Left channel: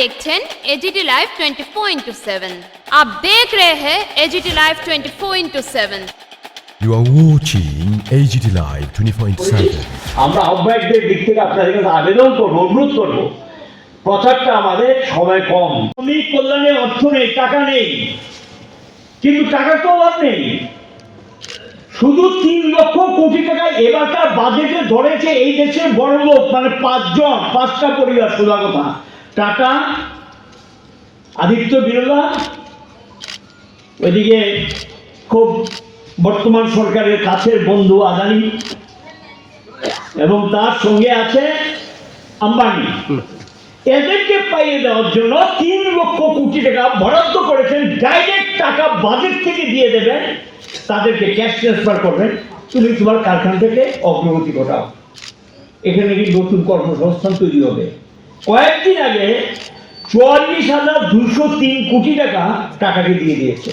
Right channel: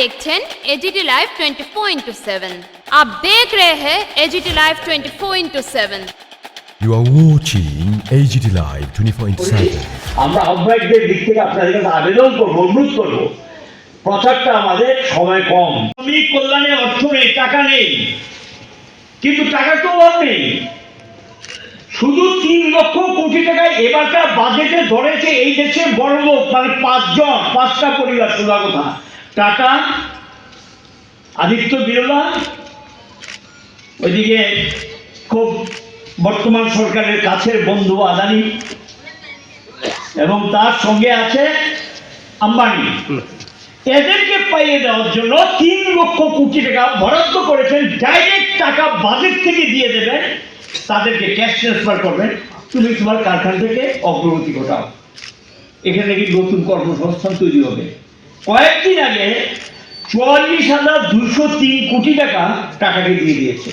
देखছেন AGT live 24/7। आप देख रहे हैं AGT live 24/7। You are watching AGT Live 24/7। আমরা আহ্বায়কদের দিক থেকে আপনাদের কাছে আবেদন করব, অনুরোধ করব, প্রচারটা আমাদের সময় কম। শ্রমিক কল্যাণে অর্থ নেই, টাকা নেই, কিন্তু টাকার তো অভাব নেই। শুধু 3 লক্ষ কোটি টাকা এবারকার বাজেটে ধরেছে এই দেশের বড় লোক, মানে 5টা পরিবার। সোজা কথা, টাটা, আদিত্য বিড়লা, ওইদিকে খুব বর্তমান সরকারের কাছের বন্ধু আদানি, এবং তার সঙ্গে আছে আম্বানি। এদেরকে পাইয়ে দেওয়ার জন্য 3 লক্ষ কোটি টাকা বরাদ্দ করেছেন। ডাইরেক্ট টাকা বাজেট থেকে দিয়ে দেবেন, তাদেরকে ক্যাশ ট্রান্সফার করবেন, তুমি তোমার কারখানা থেকে অগ্রগতি ঘটাও। এখানে কি নতুন কর্মসংস্থান তৈরি হবে। কয়েকদিন আগে 44,203 কোটি টাকা টাকাকে দিয়ে দিয়েছে,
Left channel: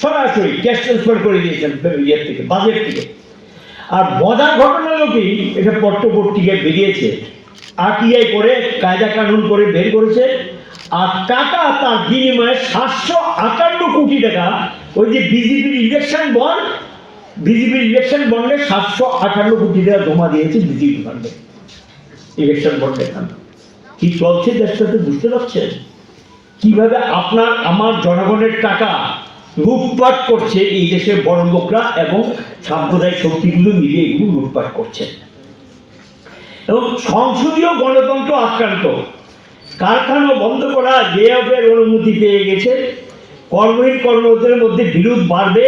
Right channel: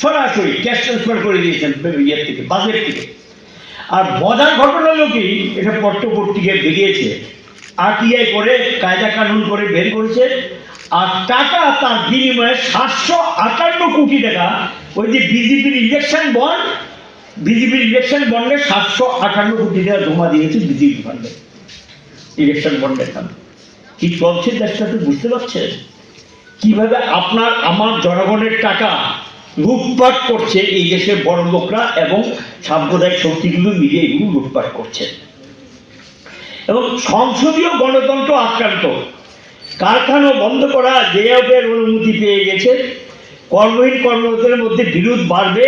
সরাসরি ক্যাশ ট্রান্সফার করে দিয়েছেন ইয়ের থেকে, বাজেট থেকে। আর মজার ঘটনা হলো কি, এটা পত্রপত্রিকায় বেরিয়েছে, আরটিআই করে কায়দা কানুন করে বের করেছে। আর টাকা তার বিনিময়ে 758 কোটি টাকা ওই যে বিজেপির ইলেকশন বন্ড, বিজেপির ইলেকশন বন্ডে 758 কোটি টাকা জমা দিয়েছে বিজেপি ফান্ডে, ইলেকশন বন্ডের নাম। কি চলছে দেশটাতে বুঝতে পারছেন? কিভাবে আপনার আমার জনগণের টাকা লুটপাট করছে এই দেশের বড় লোকরা এবং সাম্প্রদায়িক শক্তিগুলো মিলে এগুলো লুটপাট করছে। এবং সংসদীয় গণতন্ত্র আক্রান্ত। কারখানা বন্ধ করা জেএফের অনুমতি পেয়ে গেছে। কর্মহীন কর্মরতদের মধ্যে বিরোধ বাড়বে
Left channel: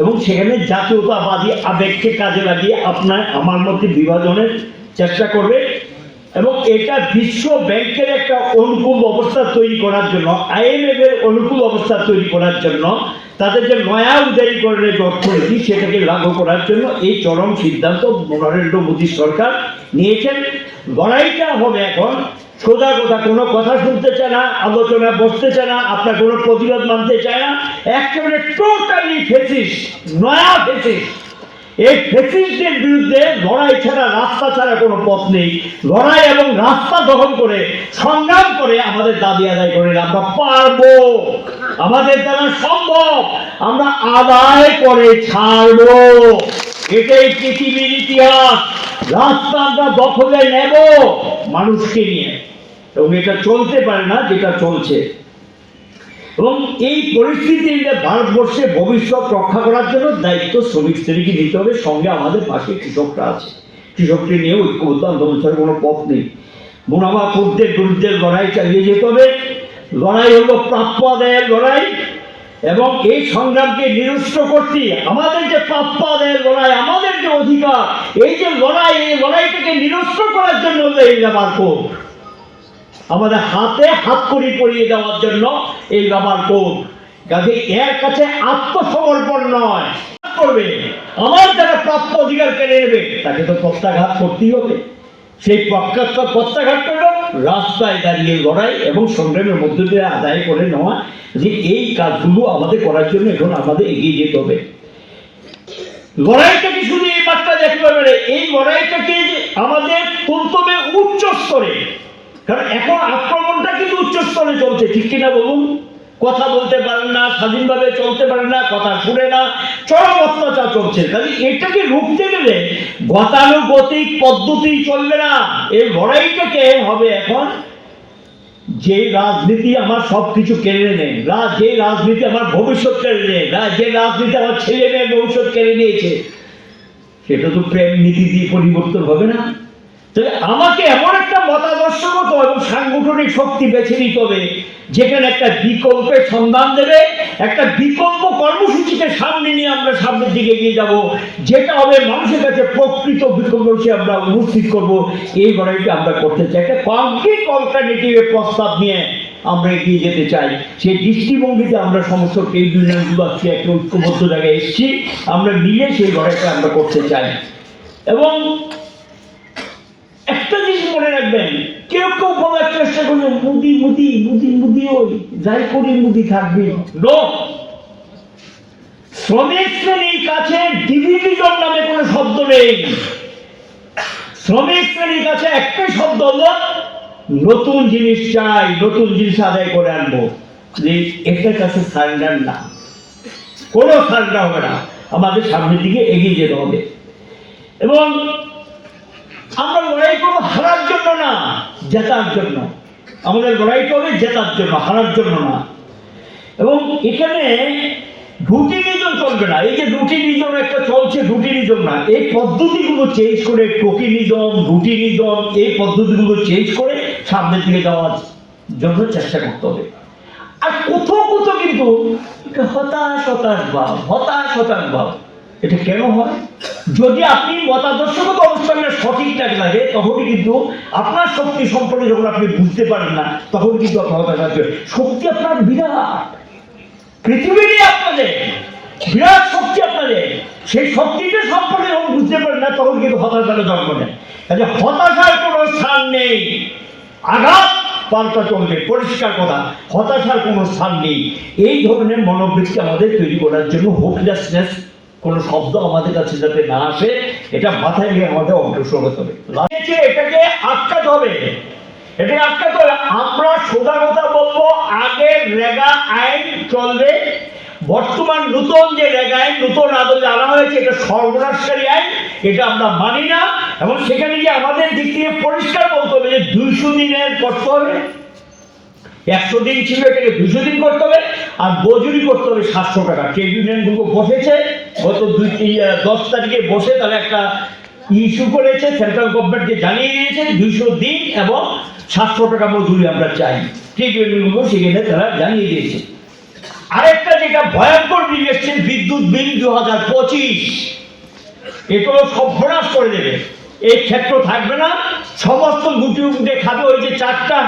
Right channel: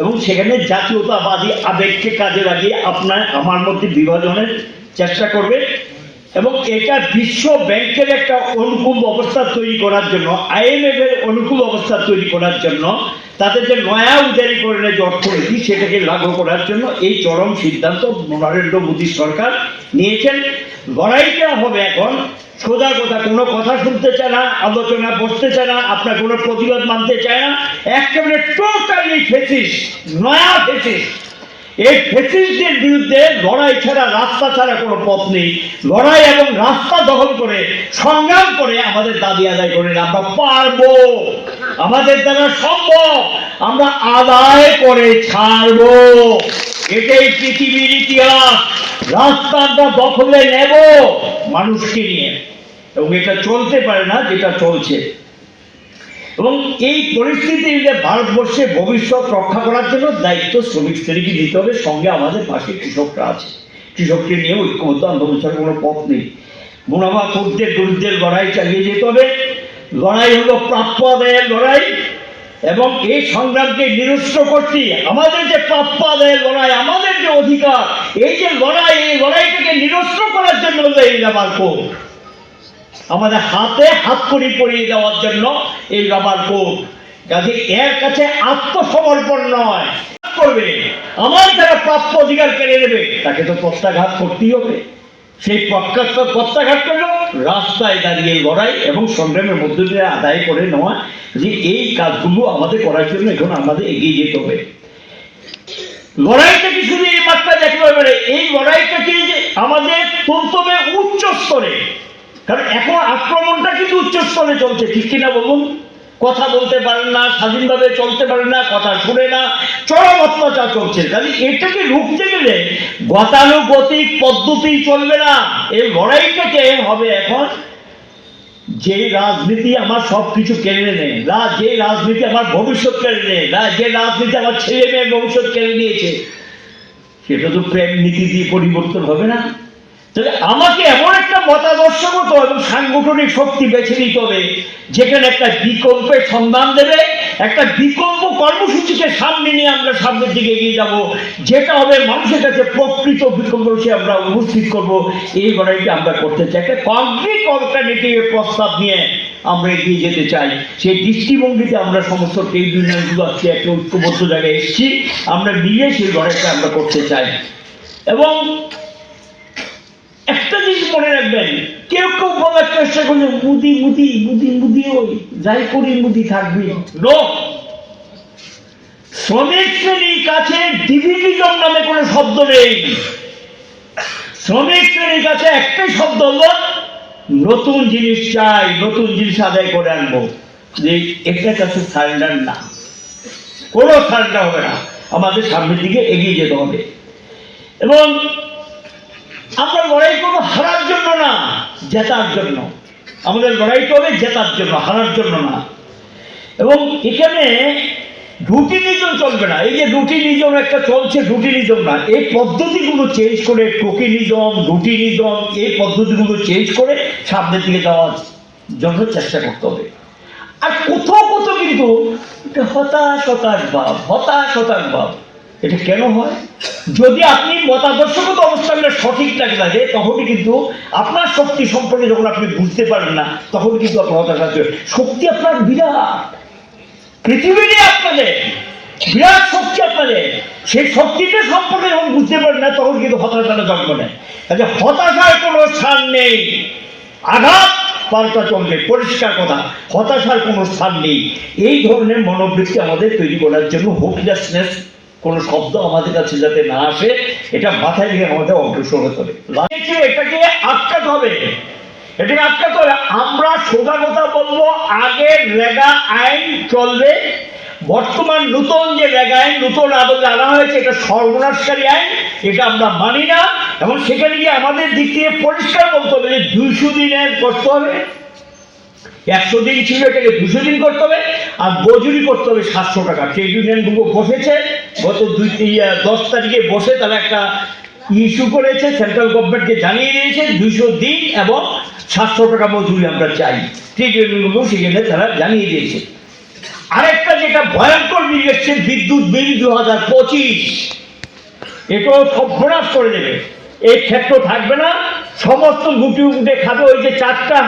এবং সেখানে জাতীয়তাবাদী আবেগকে কাজে লাগিয়ে আপনার আমার মধ্যে বিভাজনের চেষ্টা করবে। এবং এটা বিশ্ব ব্যাংকের একটা অনুকূল অবস্থা তৈরি করার জন্য, IMF এর অনুকূল অবস্থা তৈরি করার জন্য, তাদের যে নয়া উদারীকরণের যে অর্থনীতি সেটাকে লাগু করার জন্য এই চরম সিদ্ধান্ত নরেন্দ্র মোদী সরকার নিয়েছেন। লড়াইটা হবে এখন সোজা কথা, কোনো কথা শুনতে চায় না, আলোচনা বসতে চায় না, আপনার কোনো প্রতিবাদ মানতে চায় না। একেবারে টোটালি ফেসিস্ট, নয়া ফেসিস্ট। এই ফেসিস্টদের বিরুদ্ধে লড়াই ছাড়া, রাস্তা ছাড়া কোনো পথ নেই। লড়াই এবং রাস্তা দখল করে সংগ্রাম করে আমাদের দাবি আদায় করেন। আমরা পারবো, আমাদের দ্বারা সম্ভব, আমরা আদায় করে ছাড়বো। এটাই পৃথিবীর ইতিহাস। রাস্তা আমরা দখলে নেব মানুষকে নিয়ে, এবং এটা চলতে পারে না যেটা চলছে। এবং এই পরিস্থিতিতে ভারতবর্ষে ভবিষ্যৎ রক্ষা করার জন্য দায়িত্ব শ্রমিক শ্রেণীকে নিতে হবে। সঙ্গে আমাদের পাশে কৃষকরা আছে, কৃষককে নিয়ে ঐক্যবদ্ধ আন্দোলন ছাড়া কোনো পথ নেই। মুনাফাখোরদের বিরুদ্ধে লড়াই চালিয়ে যেতে হবে। লড়াই হলো প্রাপ্য আদায়ের লড়াই, এবং এই সংগ্রামকে নিরস্ত করতে আমাদের যে প্রাপ্য আদায়ের লড়াই, আমাদের যে অধিকার, এই যে লড়াই, এই লড়াইটাকে নিরস্ত করার জন্য হলো এই রাবার কোড। আমাদের হাতে হাত কড়ি পরিয়ে দেওয়ার জন্য এই রাবার কোড। কাজে এর কাছে আত্মসমর্পণ নয় করবে, আমার যারা প্রাপ্য অধিকার কেড়ে নেবে তাকে তো প্রত্যাঘাত করতেই হবে। সেই প্রত্যাঘাত হলো রাস্তায় দাঁড়িয়ে লড়াই এবং সংগ্রামের মধ্য দিয়ে আদায় করে নেওয়া। যে এই কাজগুলো আমাদের করার জন্য এখন আমাদের এগিয়ে যেতে হবে। লড়াইটাকে শুধু এই মাত্রা দেখতে হবে, এই লড়াইটাকে আমাদের তুলতে হবে উচ্চ স্তরে। কারণ এখন আক্রমণটা কিন্তু উচ্চ স্তরে চলছে, ঠিক কিনা বলুন? কথা বলতে পারেন না, স্বাধীনভাবে চলতে পারেন না, কথা শুনে না, চরম অত্যাচার চলছে। কাজে এটাকে রুখতে গেলে গতানুগতিক পদ্ধতি চলবে না। এই লড়াইটাকে হবে এখন যে রাজনীতি আমার সবকিছু কেড়ে নেয়, যে রাজনীতি আমার ভবিষ্যৎ কেড়ে নেয়, যে রাজনীতি আমার ছেলে মেয়ের ভবিষ্যৎ কেড়ে নিয়েছে, সেটা তো প্রেম নীতি দিয়ে পরিবর্তন হবে না। তবে আমাকে এমন একটা মতাদর্শগত এবং সাংগঠনিক শক্তি বেছে নিতে হবে যেখানে একটা বিকল্পের সন্ধান দেবে, একটা বিকল্প কর্মসূচিকে সামনে নিয়ে আমরা সামনের দিকে এগিয়ে যাব, যেটা হবে মানুষের কাছে প্রকৃত বিকল্প হিসেবে আমরা উপস্থিত করব। এই লড়াইটা আমরা করতে চাই, একটা কংক্রিট অল্টারনেটিভের প্রস্তাব নিয়ে আমরা এগিয়ে যেতে চাই। সেই দৃষ্টিভঙ্গিতে আমরা সমস্ত ট্রেড ইউনিয়নগুলো আজকে একটা ঐক্যবদ্ধ জায়গায় এসেছি, আমরা মিলে সেই লড়াইটা আমরা করতে চাই। এবং একটা জিনিস মনে রাখবেন, কেউ কেউ বলার চেষ্টা করলে মুদি মুদি মুদি মুদি, ওই যাই করি মুদি থাকবে। শ্রমিক শ্রেণীর কাছে ডিভিডিজম নামে কোনো শব্দ নেই। শ্রমিক শ্রেণীর কাছে একটাই শব্দ হলো নতুন জিনিস চাই, নতুন জিনিস আদায় করে আনবো, যে একটা কাছে সারেন্ডার না, কোনো সারেন্ডার হবে না, আমাদের সামনের দিকে এগিয়ে যেতে হবে। এবং আমরা লড়াই করবো হারার জন্য না, জেতার জন্য। আমাদের লড়াইটা হবে জেতার জন্য, হারার জন্য না। এবং এখানে রুটিনিজম চলবে না। এই যে রুটিনিজম একটা চলছে, রুটিনিজম না, এই পদ্ধতিগুলো চেঞ্জ করে, টোকিনিজম, রুটিনিজম, এই পদ্ধতিগুলো চেঞ্জ করে সামনের দিকে যাওয়ার জন্য চেষ্টা করতে হবে। আর কোথাও কোথাও কিন্তু হতাশ ভাব, এটা কেন হয়? যদি আপনি মতাদর্শগত অবস্থানটা সঠিক লাগে, তখনই কিন্তু আপনার শক্তি সম্পর্কে যখন আপনি বুঝতে পারেন না, তখন কিন্তু আপনার হতাশ আসবে। শক্তি আপনার বিরাট, পৃথিবী নিয়ে আপনাদের বিরাট শক্তি আপনাদের, সেই শক্তিটা সম্পর্কে যখন বুঝতে পারেন না, তখন কিন্তু হতাশাটা জন্ম নেয়। কাজে হতাশার কোনো স্থান নেই, আঘাত পাল্টা চলবে, পরিষ্কার কথা, হতাশার কোনো স্থান নেই। এই ধরনের মনোবৃত্তি আমাদের তৈরি করার জন্য হোপলেসনেস কোন শব্দ আমাদের কাছে যাতে না আসে, এটা মাথায় নিয়ে আমাদের অগ্রসর হতে হবে। এটাকে আটকাতে হবে, এটাকে আটকাতে হবে। আমরা সোজা কথা বলবো, আগের রেগা আইন চলবে। বর্তমান নতুন যে রেগা আইন, নতুন আদলে আনা হয়েছে, এটা সর্বনাশকারী আইন, এটা আমরা মানি না। এবং সেখানে গিয়ে আমাদের দিক থেকে পরিষ্কার বলতে হবে যে 200 দিনের করতে হবে, 100 দিন ছিল, এটাকে 200 দিন করতে হবে। আর মজুরি করতে হবে 700 টাকা। ট্রেড ইউনিয়নগুলো বসেছে গত 10 তারিখে বসে, তারা একটা ইস্যু করেছে, সেন্ট্রাল গভর্নমেন্টকে জানিয়ে দিয়েছে 200 দিন এবং 700 টাকা মজুরি আমরা চাই। ট্রেড ইউনিয়নগুলো সেখানে তারা জানিয়ে দিয়েছে। আরেকটা যেটা ভয়ঙ্কর বিল এসছে, বিদ্যুৎ বিল 2025, এটাও সর্বনাশ করে দেবে। এই ক্ষেত্র থাকবে না, সমস্ত লুটে উঠে খাবে। ওই যে 4টা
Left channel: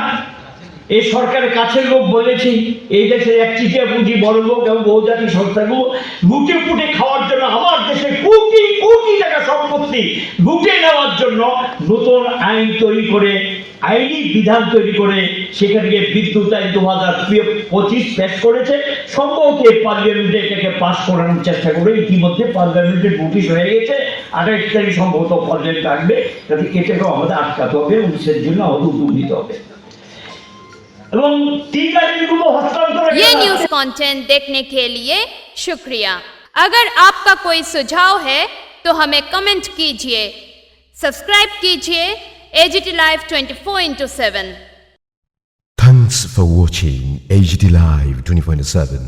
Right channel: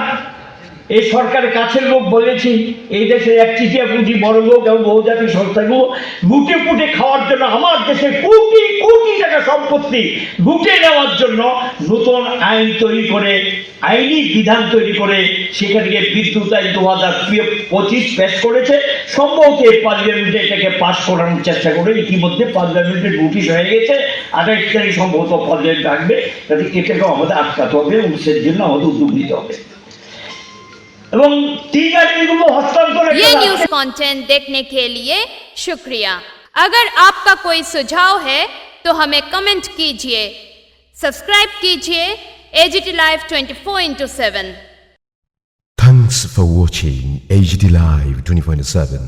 এই সরকারের কাছের লোক বলেছি, এই দেশের একচিটিয়া পুঁজি বড় লোক এবং বহুজাতিক সংস্থাগুলো লুটে পুটে খাওয়ার জন্য, আমার দেশে কোটি কোটি টাকা সম্পত্তি লুটে নেওয়ার জন্য নতুন আইন তৈরি করে, আইনি বিধান তৈরি করে, সেখান থেকে বিদ্যুৎ আইন 2025 পেশ করেছে। সম্ভবত পার্লামেন্টে এটাকে পাস করানোর চেষ্টা করে, ইতিমধ্যে পার্লামেন্টে নোটিশ হয়ে গেছে, 28 তারিখ সম্ভবত পার্লামেন্ট আসবে। তাহলে এটাকেও আমাদের আটকাতে হবে এবং সের জন্য আমাদের উদ্যোগ নিতে হবে। ये न्यूज कंटेंट देखने के लिए शुक्रिया। अगर आपका कोई सुझाव है तो हमें कमेंट कीजिए, सब्सक्राइब कीजिए AGT Live 24/7। Thanks for watching AGT Live 24/7.